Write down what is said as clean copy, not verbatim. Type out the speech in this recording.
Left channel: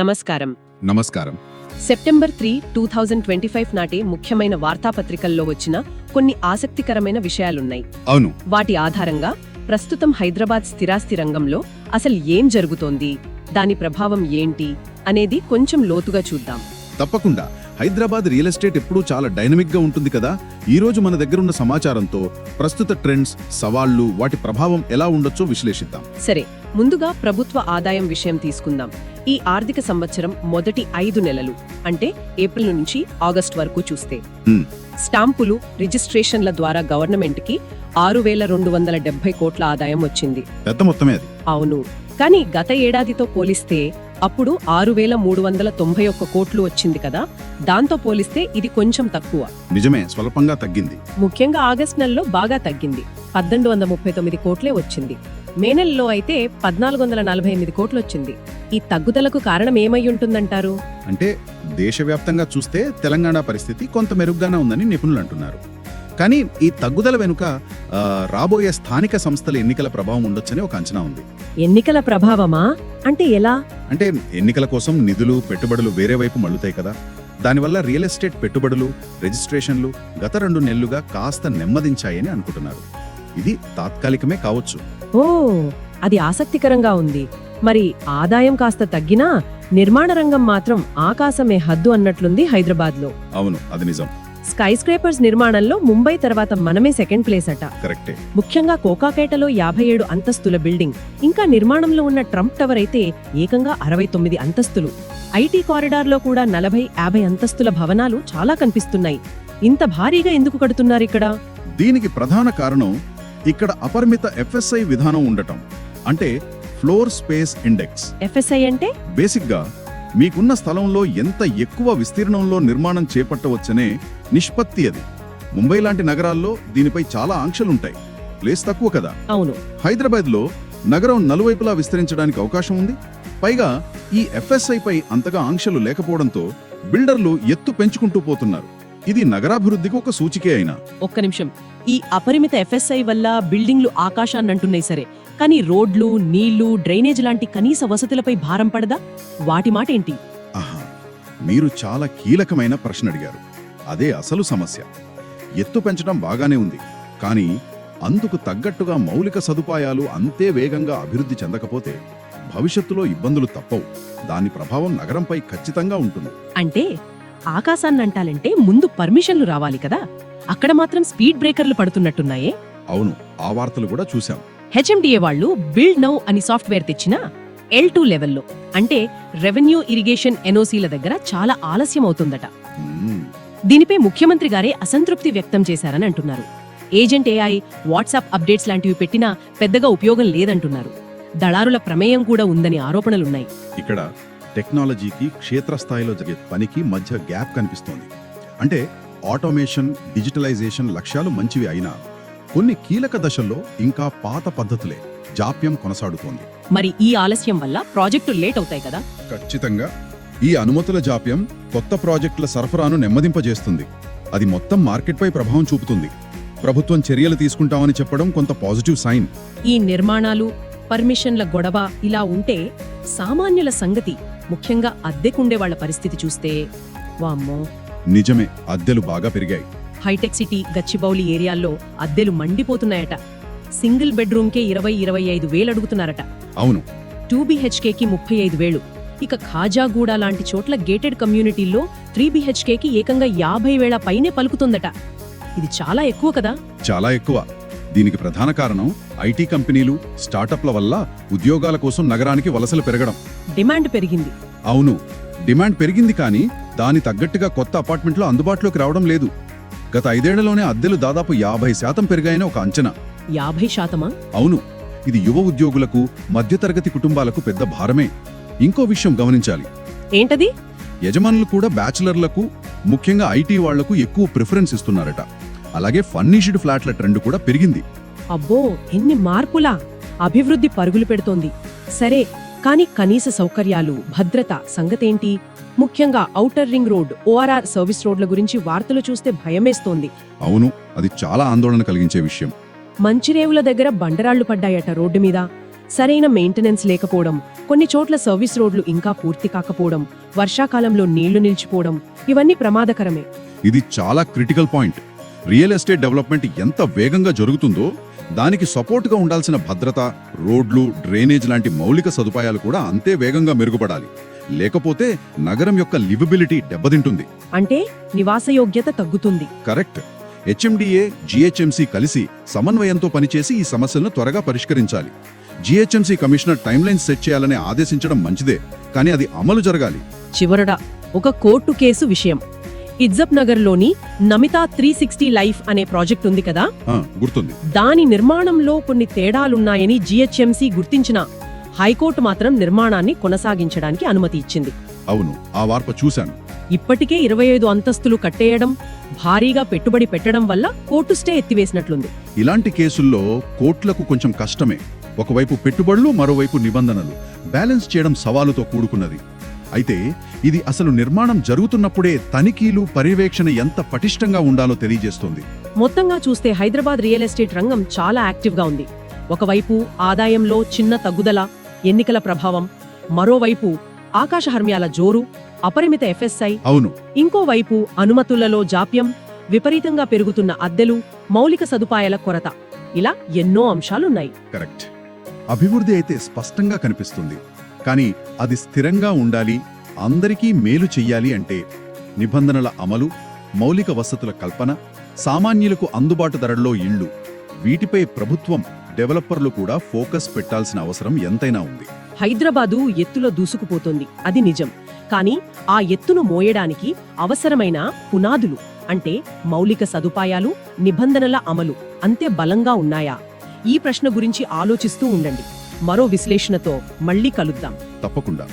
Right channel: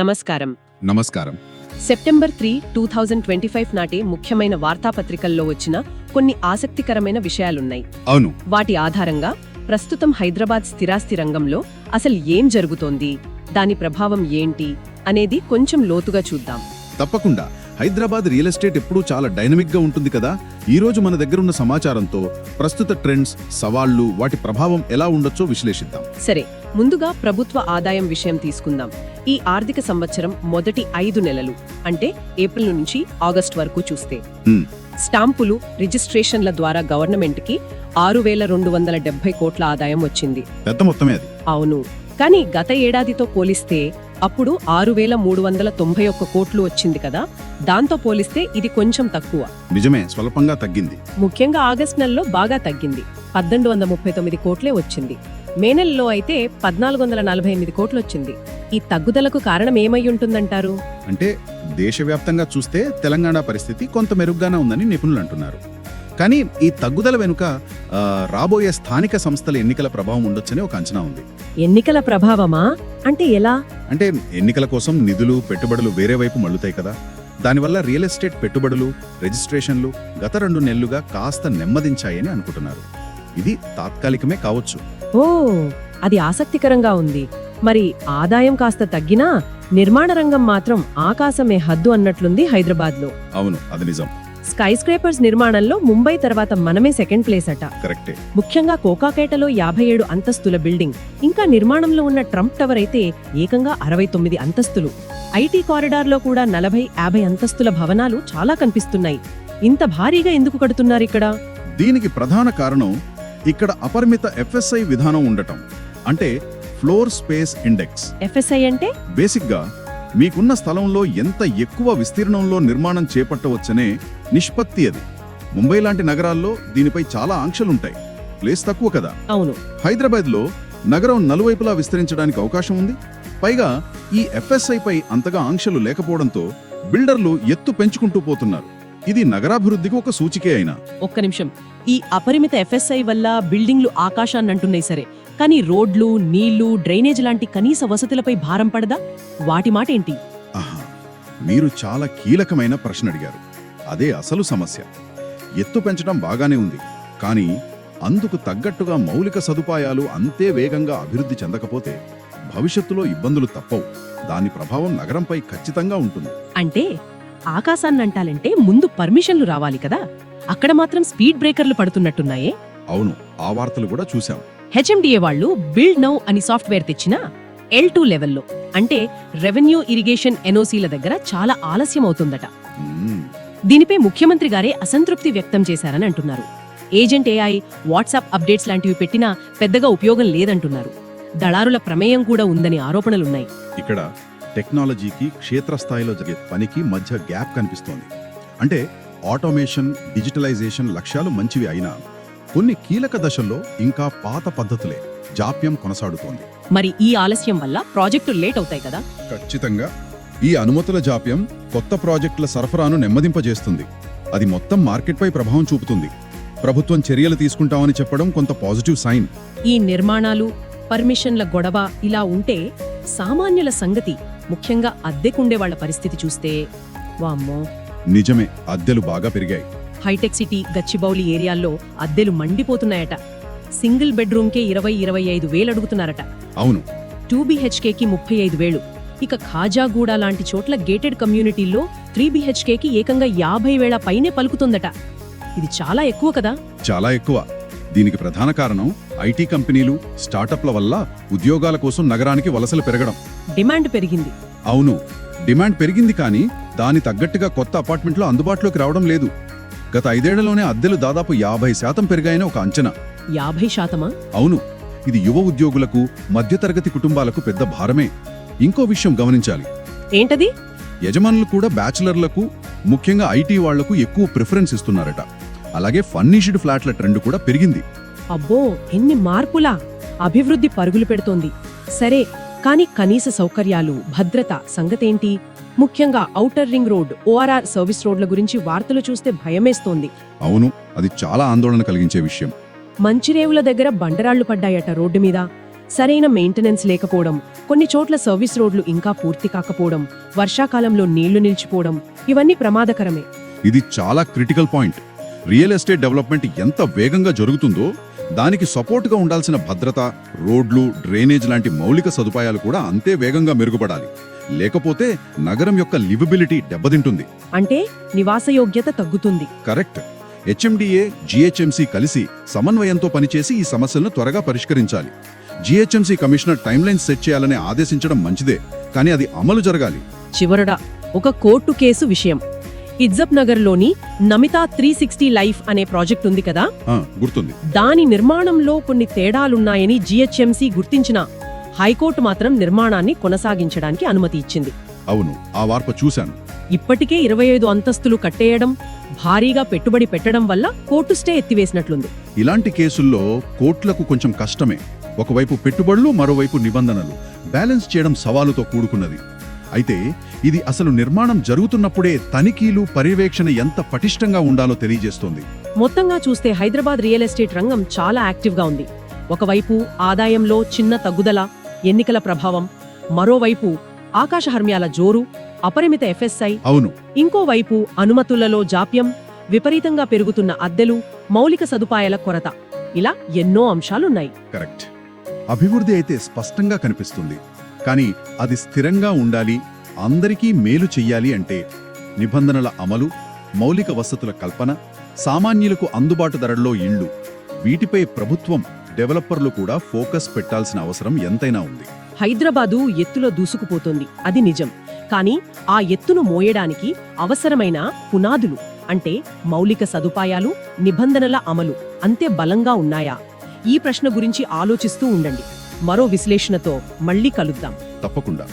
నమస్కారం. నమస్కారం. సెప్టెంబర్ 3, 2025 నాటి ముఖ్యమైన వార్తాపత్రికల్లో వచ్చిన కొన్ని ఆసక్తికరమైన విషయాలున్నాయి. అవును. వాటి ఆధారంగా ప్రస్తుతం హైదరాబాద్ స్థిరాస్తి రంగంలో అసలు ఏం జరుగుతోంది, దాని ప్రభావం ఏంటి అనేది కొంచెం లోతుగా చూద్దాం. తప్పకుండా. హైదరాబాద్ రియల్ ఎస్టేట్ ఇప్పుడు చాలా డైనమిక్ గా ఉంటుంది కదా. ఈ రోజు మన దగ్గర ఉన్న సమాచారంతో ప్రస్తుత ట్రెండ్స్, సవాళ్లు, వాటి ప్రభావం ఎలా ఉండొచ్చో విశ్లేషిద్దాం. సరే, ముందుగా ప్రభుత్వ ఆదాయం విషయం తీసుకుందాం. ఈ ఆర్థిక సంవత్సరం మొదటి 5 నెలలు అంటే ఏప్రిల్ నుంచి ఆగస్టు వరకు చూస్తే స్టాంపులు, రిజిస్ట్రేషన్ల ద్వారా గవర్నమెంట్ కి 6,270 కోట్ల ఆదాయం వచ్చింది. పెద్ద మొత్తమే అది. అవును, కానీ గత ఏడాదితో పోలిస్తే అప్పుడు 6,391 కోట్లు వచ్చింది కదా. దాంతో పోలిస్తే ఇది కొంచెం తక్కువ. నిజమే, స్వల్పంగా తగ్గింది. ముఖ్యంగా ఆగస్టు నెలలో బాగా తగ్గింది. 1,839 కోట్లే వచ్చింది. మే నెలలో అయితే 1,448 కోట్లు వచ్చింది. ఈ తగ్గుదలకు కారణం ఏమై ఉంటుందంటారు? అంటే దేశవ్యాప్తంగా చూస్తే తెలంగాణ పరిస్థితి కొంత మెరుగ్గానే ఉందని నిపుణులు అంటున్నారు. కానీ ఈ తగ్గుదల వెనుక రాబోయే స్థానిక సంస్థల ఎన్నికల ప్రభావం ఉండొచ్చని ఒక అంచనా ఉంది. ఎన్నికల ప్రభావమా? అంటే ఎలా? అంటే ఎన్నికల కోసం నిధులు, పెట్టుబడులు వేరే వైపు మళ్ళుతాయి కదా. దానివల్ల రియల్ ఎస్టేట్ పెట్టుబడులు, రిజిస్ట్రేషన్లు గత 2 నెలలుగా కాస్త నెమ్మదించాయని అనుకుంటున్నారు. ఇది తాత్కాలికమే కావచ్చు. ఓ, అది ఆసక్తికరంగా ఉంది. మరి ఆదాయం కాస్త తగ్గినా నిర్మాణ రంగం మాత్రం ఆకాశమే హద్దు అన్నట్లుంది హైదరాబాద్ లో. అవును, అది నిజం. స్కై స్క్రేపర్స్ నిర్మాణంలో ముంబై తర్వాత మనమే సెకండ్ ప్లేస్ అట. కరెక్టే. ముఖ్యంగా కోకాపేటలో 57 అంతస్తుల బిల్డింగ్, ఇంకా నిర్మాణంలో ఉన్న ట్రంప్ టవర్ అయితే ఏకంగా 69 అంతస్తులు. ఐటీ కారిడార్ లో కూడా 40-50 అంతస్తుల భవనాలు చాలా కనిపిస్తున్నాయి. ఇంత భారీగా ఎందుకు కడుతున్నారు ఇక్కడ? దీనికి ప్రధాన కారణం ఇక్కడ అపరిమిత ఎఫ్ఎస్ఐ విధానం ఉండటం. అంటే ఫ్లోర్ స్పేస్ ఇండెక్స్. ఎఫ్ఎస్ఐ అంటే బేసిక్ గా మీకున్న స్థలంలో ఎంత ఎక్కువ విస్తీర్ణంలో నిర్మాణం చేపట్టవచ్చనే నిష్పత్తి అది. ముంబై లాంటి నగరాల్లో దీనిపై చాలా ఆంక్షలుంటాయి. ప్లేస్ తక్కువ కదా. అవును. హైదరాబాద్ లో నగరం నలువైపులా విస్తరించడానికి అవకాశం ఉంది. పైగా ఈ ఎఫ్ఎస్ఐ పై అంతగా ఆంక్షలు లేకపోవడంతో బిల్డర్లు ఎత్తు పెంచుకుంటూ పోతున్నారు. ఇది నగరాభివృద్ధికి ఒక సూచికే అయినా. ఒక్క నిమిషం. ఈ అపరిమిత ఎఫ్ఎస్ఐ వల్ల బిల్డింగ్లు ఆకాశాన్ని అంటున్నాయి సరే, కానీ రోడ్లు, నీళ్లు, డ్రైనేజ్ లాంటి కనీస వసతులపై భారం పడదా? వాటి మాట ఏంటి? మీరు చాలా కీలకమైన ప్రశ్న అడిగారు. అదే అసలు సమస్య. ఎత్తు పెంచడం బాగానే ఉంది, కానీ అందుకు తగ్గట్టుగా మౌలిక సదుపాయాలు అంతే వేగంగా అభివృద్ధి చెందకపోతే భవిష్యత్తులో ఇబ్బందులు తప్పవు. దాని ప్రభావం నగరంపై ఖచ్చితంగా ఉంటుంది. అంటే ఆకాశాన్ని అంటాలంటే ముందు పర్మిషన్లు రావాలి కదా. అక్కడ మాత్రం స్పీడ్ బ్రేకర్లు పడుతున్నట్టున్నాయి. అవును, ఆ వార్తలు కూడా చూశాం. హెచ్ఎండిఏ వాళ్ళు బిల్డ్ నౌ అని సాఫ్ట్వేర్ తెచ్చిన L2 లెవెల్లో, అంటే రెవెన్యూ ఇరిగేషన్ ఎన్ఓసీల దగ్గర చాలా ఆలస్యం అవుతుందట. దీనిపై ముఖ్యమంత్రి గారే అసంతృప్తి వ్యక్తం చేశారని అంటున్నారు. ఏజెంట్ ఏఐ, వాట్సాప్ అప్డేట్స్ లాంటివి పెట్టినా పెద్దగా ఉపయోగం లేదంటున్నారు. దళారుల ప్రమేయం కూడా ఉందని ఆరోపణలున్నాయి. ఇక్కడ టెక్నాలజీకి, క్షేత్రస్థాయిలో జరిగే పనికి మధ్య గ్యాప్ కనిపిస్తోంది. అంటే ఆటోమేషన్, డిజిటలైజేషన్ లక్ష్యాలు మంచివి అయినా కొన్ని కీలక దశల్లో ఇంకా పాత పద్ధతులే, జాప్యం కొనసాగుతోంది. మరి ఈ ఆలస్యం వల్ల ప్రాజెక్టులు లేట్ అవుతాయి కదా. ఖచ్చితంగా. ఈ అనుమతుల జాప్యం కొత్త ప్రాజెక్టుల సరఫరాను నెమ్మదింపజేస్తుంది. అది మొత్తం మార్కెట్పై ప్రభావం చూపుతుంది. ప్రభుత్వం చర్యలు తీసుకుంటామని చెప్పడం కొంత పాజిటివ్ సైన్. ఈ నిర్మాణాలు, పర్మిషన్ల గొడవ ఇలా ఉంటే సామాన్యుల సంగతి, ముఖ్యంగా అద్దెకుండే వాళ్ళ పరిస్థితి చూస్తే వామ్మో. నిజమే, అద్దెలు బాగా పెరిగాయి. హైటెక్ సిటీ, గచ్చిబౌలి ఏరియాల్లో అద్దెలు మండిపోతున్నాయట. సింగిల్ బెడ్రూమ్ కే 20-25 వేలు అడుగుతున్నారట. అవును. 2BHK కి 35,000. ఇక ఖాజాగూడ లాంటి చోట్ల గేటెడ్ కమ్యూనిటీల్లో 3BHK కి ఏకంగా 50,000 పైనే పలుకుతుందట. ఇది చాలా ఎక్కువ కదా. చాలా ఎక్కువ. దీనికి ప్రధాన కారణం ఐటీ కంపెనీలు, స్టార్టప్ల వల్ల ఉద్యోగాల కోసం నగరానికి వలసలు పెరగడం. డిమాండ్ పెరిగింది. అవును, డిమాండ్ పెరిగింది, కానీ దాని తగ్గట్టుగా కొత్త అపార్ట్మెంట్లు అందుబాటులోకి రావడం లేదు. గత 5 ఏళ్లలోనే అద్దెలు దాదాపు 50% పెరిగాయని ఒక అంచనా. 50%? అవును. ఇది యువ ఉద్యోగులకు, మధ్యతరగతి కుటుంబాలకు పెద్ద భారమే. ఇంకో విషయం గమనించాలి. ఏంటది? యజమానులు కూడా బ్యాచులర్లకు, ముఖ్యంగా ఐటీ వాళ్లకు ఎక్కువ ప్రిఫరెన్స్ ఇస్తున్నారట. అలాగే ఫర్నిష్డ్ ఫ్లాట్ల ట్రెండ్ కూడా పెరిగింది. అబ్బో, ఎన్ని మార్పులా! అభివృద్ధి పరుగులు పెడుతోంది. సరే, కానీ కనీస సౌకర్యాలు, భద్రత సంగతేంటి? ముఖ్యంగా outer ring road, ORR service రోడ్ల గురించి వార్తలు చూస్తే భయమేస్తోంది. అవును, అది చాలా ఆందోళన కలిగించే విషయం. మంచిరేవుల దగ్గర బండరాళ్లు పడ్డాయట రోడ్డు మీద. సరైన మెయింటెనెన్స్ లేకపోవడం, కొన్ని చోట్ల సర్వీస్ రోడ్లు ఇంకా పూర్తి కాకపోవడం, వర్షాకాలంలో నీళ్లు నిలిచిపోవడం, ఇవన్నీ ప్రమాదకరమే. ఇది చాలా critical point. Real estate development ఎంత వేగంగా జరుగుతుందో దానికి సపోర్ట్ గా ఉండాల్సిన భద్రత, రోడ్లు, డ్రైనేజ్ లాంటి మౌలిక సదుపాయాలు కూడా అంతే వేగంగా మెరుగుపడాలి. లేకపోతే నగరం యొక్క లివబిలిటీ దెబ్బతింటుంది. అంటే నివాసయోగ్యత తగ్గుతుంది. కరెక్ట్. హెచ్ఎండిఏ, జిహెచ్ఎంసీ కలిసి సమన్వయంతో పనిచేసి ఈ సమస్యలను త్వరగా పరిష్కరించాలి. GHMC commissioner time line set చేయాలని ఆదేశించడం మంచిదే, కానీ అది అమలు జరగాలి. చివరడా ఒక కోర్టు కేసు విషయం. ఇజ్జత్ నగర్ లోని నమితా 360 లైఫ్ అనే ప్రాజెక్ట్ ఉంది కదా, గుర్తుంది. దాని నిర్మాణంలో కొన్ని తేడాలున్నాయని జిహెచ్ఎంసీ గుర్తించిన హైకోర్టు మాత్రం నిర్మాణాన్ని కొనసాగించడానికి అనుమతి ఇచ్చింది. అవును, ఆ వార్త చూశాను. ఇప్పటికే 25 అంతస్తులు కట్టేయడం, భారీగా పెట్టుబడి పెట్టడం వల్ల కోర్టు స్టే ఎత్తివేసినట్లుంది. ఇలాంటి కేసుల్లో కోర్టులకు కొంచెం కష్టమే. ఒకవైపు పెట్టుబడులు, మరోవైపు నిబంధనలు బ్యాలెన్స్ చేయడం సవాలుతో కూడుకున్నది. అయితే ఇది అసలు నిర్మాణం జరుగుతున్నప్పుడే తనిఖీలు, పర్యవేక్షణ ఎంత పటిష్టంగా ఉండాలో తెలియజేస్తోంది. మొత్తంగా చూస్తే హైదరాబాద్ రియల్ ఎస్టేట్ రంగం చాలా యాక్టివ్ గా ఉంది. ఒకవైపు ఆదాయంలో చిన్న తగ్గుదల, ఎన్నికల ప్రభావం, మరోవైపు ఆకాశ హర్మ్యాల జోరు, అపరిమిత ఎఫ్ఎస్ఐ, అవును, ఇంకోవైపు అనుమతులలో జాప్యం, విపరీతంగా పెరుగుతున్న అద్దెలు, మౌలిక సదుపాయాల కొరత, ఇలా ఎన్నో అంశాలున్నాయి. కరెక్ట్. అభివృద్ధి అయితే స్పష్టంగా కనిపిస్తుంది, కానీ అది స్థిరంగా ఉండాలి, అందరికీ మేలు చెయ్యాలి అంటే నిబంధనల అమలు, మౌలిక వసతుల కల్పన, సామాన్యులకు అందుబాటు ధరల్లో ఇళ్లు, వీటిపై ప్రభుత్వం, డెవలపర్లు కూడా ఫోకస్ పెట్టాల్సిన అవసరం ఎంతైనా ఉంది. హైదరాబాదు ఎత్తులా దూసుకుపోతోంది, అది నిజం. కానీ ఆ ఎత్తును మోయడానికి అవసరమైన పునాదులు, అంటే మౌలిక సదుపాయాలు, నిబంధనల అమలు అంతే బలంగా ఉన్నాయా? ఈ ప్రశ్న గురించి ఆలోచిస్తూ ఉండండి. మరో విశ్లేషణతో మళ్ళీ కలుద్దాం. తప్పకుండా.